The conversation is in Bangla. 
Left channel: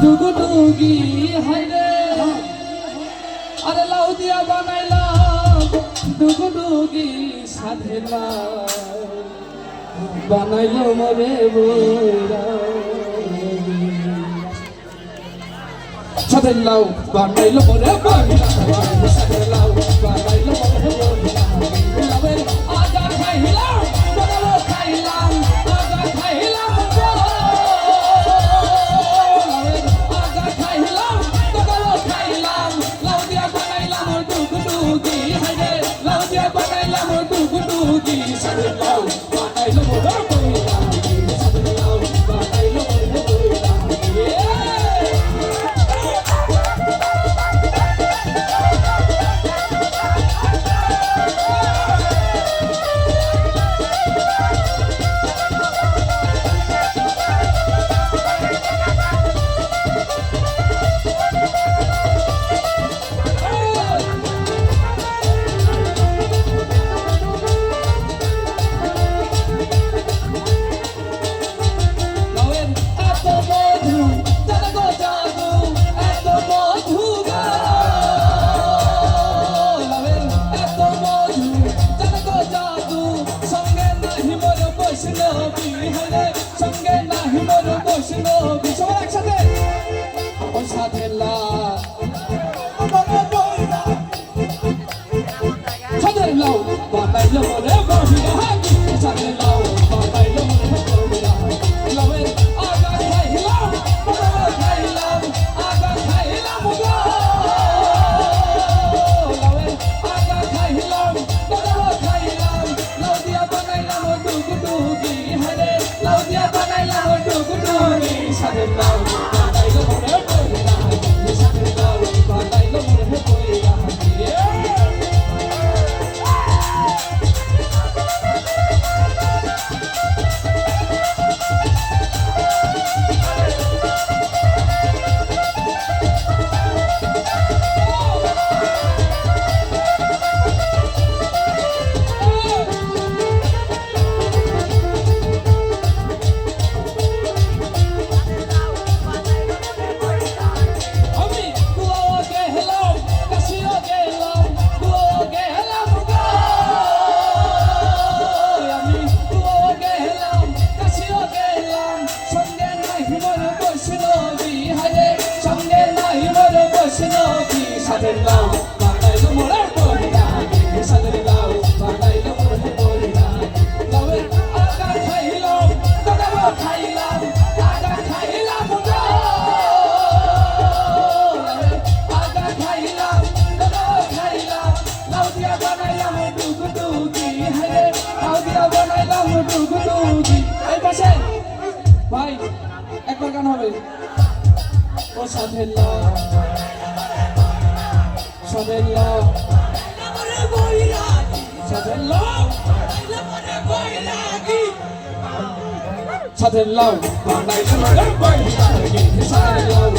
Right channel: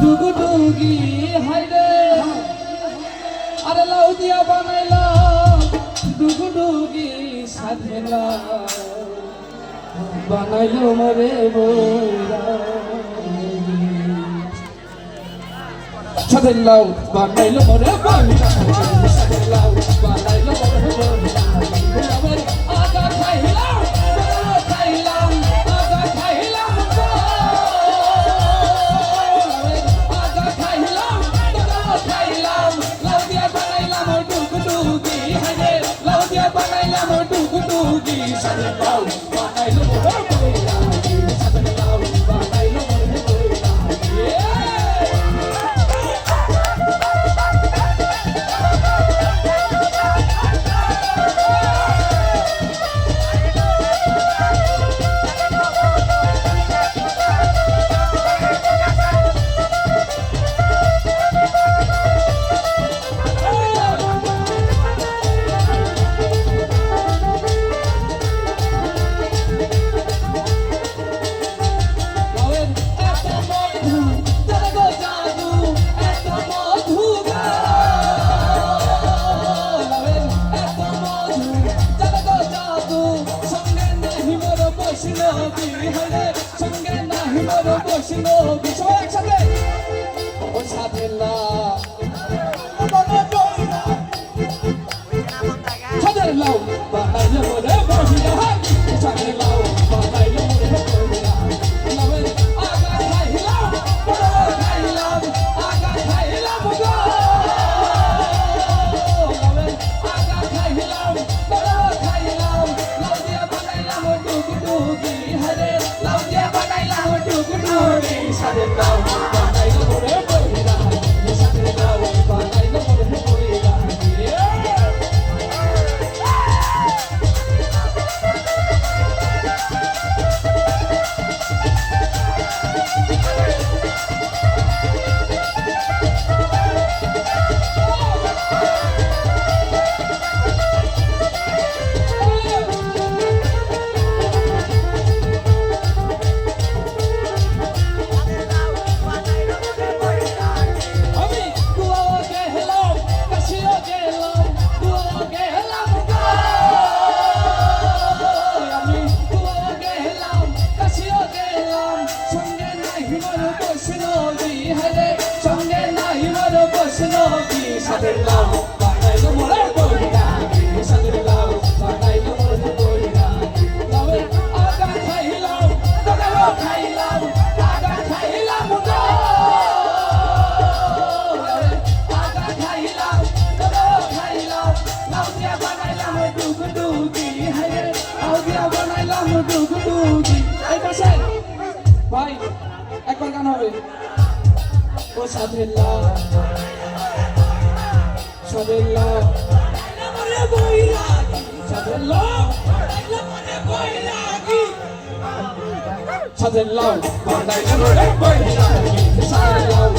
ডুগডুগি হাইরে আরে লাউ দিয়া বানাইলাম ডুগডুগি সাধেলা বানাইলো মরে বইরা সাধেলাও বানাইলো মরে বইরা সাধেলাও বানাইলো মরে বইরা লাউয়ের আগা খাইলাম বড় খাইলাম আগা খাইলাম সঙ্গে নাহি মোর বৈষ্ণব সবাই একসাথে ও সাধেলা সাধেলাও বানাইলো মোরে বইরা সাধেলাও বানাইলো মোরে বইরা লাউয়ের আগা খাইলাম বড় খাইলাম আগা খাইলাম গো লাউয়ের আগা খাইলাম বড় খাইলাম লাউ দিয়া বানাইলাম ডুগডুগি হারে লাউ দিয়া বানাইলাম ডুগডুগি সাধেলাও বানাইলো মোরে বইরা সাধেলাও বানাইলো মোরে বইরা সাধেলাও বানাইলো মোরে বইরা সাধেলাও বানাইলো মোরে বইরা লাউয়ের আগা খাইলাম দাদাও খাইলাম আগা খাইলাম গো লাউয়ের আগা খাইলাম দাদাও খাইলাম লাউ দিয়া বানাইলাম ডুগডুগি হায় লাউ দিয়া বানাইলাম ডুগডুগি এই পাশে ভাই একবার গান হবে ও সাধেলাও সাধেলাও মোরে বইরা সাধেলাও মোরে বইরা সাধেলাও বানাইলো মোরে বইরা সাধেলাও